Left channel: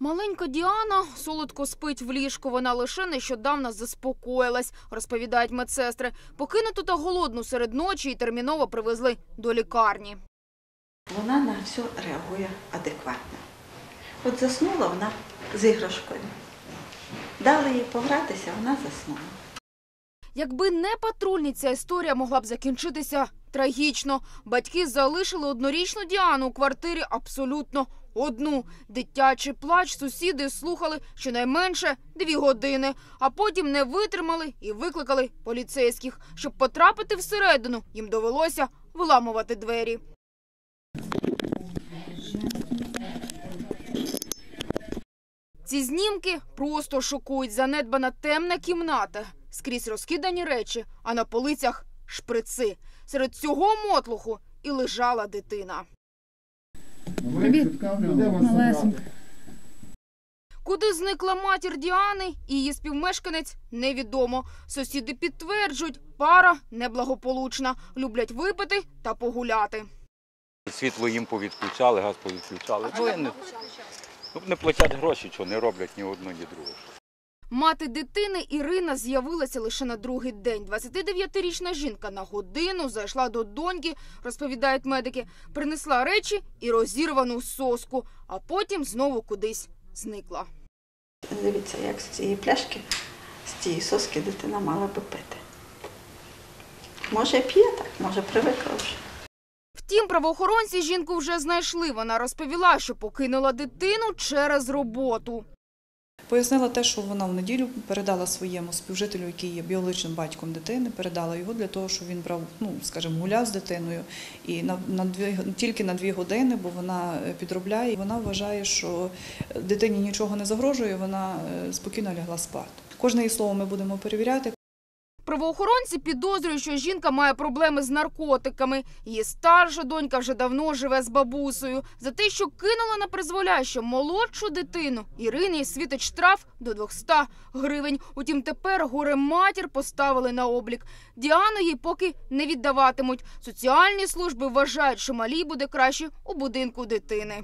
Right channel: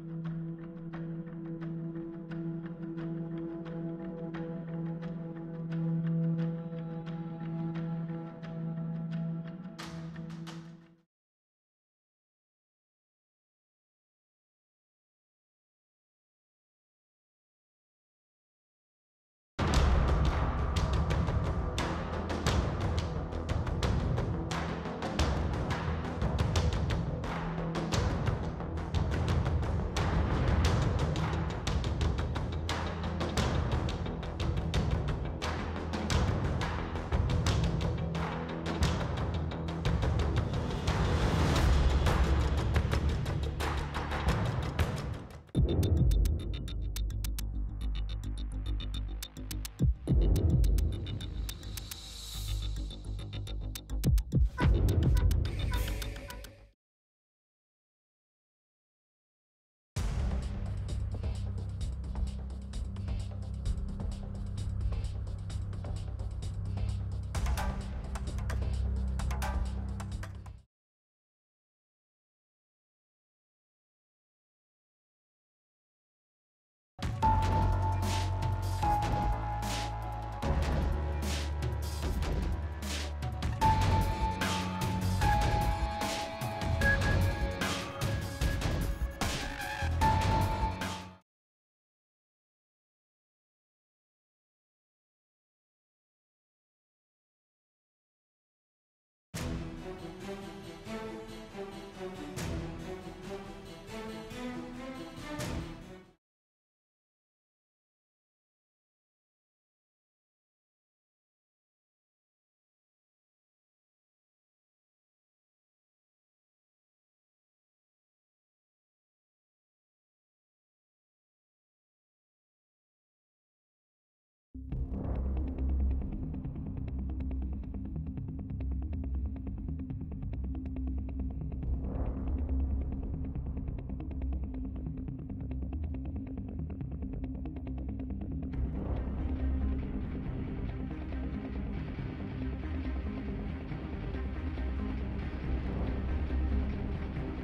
Маленька Діана солодко спить в ліжку. Вона лише нещодавно заспокоїлась, розповідають медсестри. Покинуту та голодну серед ночі і терміново привезли до лікарні. Вона на все реагує адекватно. От заснула вона з іграшкою. Дали їй погратися, вона заснула. Якби не патрульні, ця історія могла б закінчитися трагічно. Батьки залишили однорічну Діану у квартирі абсолютно одну. Дитячий плач сусіди слухали щонайменше дві години, а потім не витримали і викликали поліцейських. Щоб потрапити всередину, їм довелося виламувати двері. Ці знімки просто шокують. Занедбана темна кімната. Скрізь розкидані речі, а на полицях шприци. Серед цього мотлуху і лежала дитина. Привіт, малесенька. Куди зникла матір Діани і її співмешканець, невідомо. Сусіди підтверджують, пара неблагополучна, люблять випити та погуляти. Світло їм повідключали, газ повідключали. Ну, не платять гроші, що не роблять ні одну, ні другу. Мати дитини Ірина з'явилася лише на другий день. 29-річна жінка на годину зайшла до доньки, розповідають медики, принесла речі і розірвану соску, а потім знову кудись зникла. Дивіться, як з цієї пляшки, з цієї соски дитина мала би пити. Може, п'є так, може, привикла вже. Втім, правоохоронці жінку вже знайшли. Вона розповіла, що покинула дитину через роботу. Пояснила те, що вона в неділю передала своєму співжителю, який є біологічним батьком дитини, передала його для того, щоб він брав, ну скажімо, гуляв з дитиною і на, на дві тільки на дві години, бо вона е, підробляє. Вона вважає, що дитині нічого не загрожує, вона е, спокійно лягла спати. Кожне її слово ми будемо перевіряти. Правоохоронці підозрюють, що жінка має проблеми з наркотиками. Її старша донька вже давно живе з бабусею. За те, що кинула на призволяще молодшу дитину, Ірині світить штраф до 200 гривень. Утім, тепер горе матір поставили на облік. Діану їй поки не віддаватимуть. Соціальні служби вважають, що малій буде краще у будинку дитини.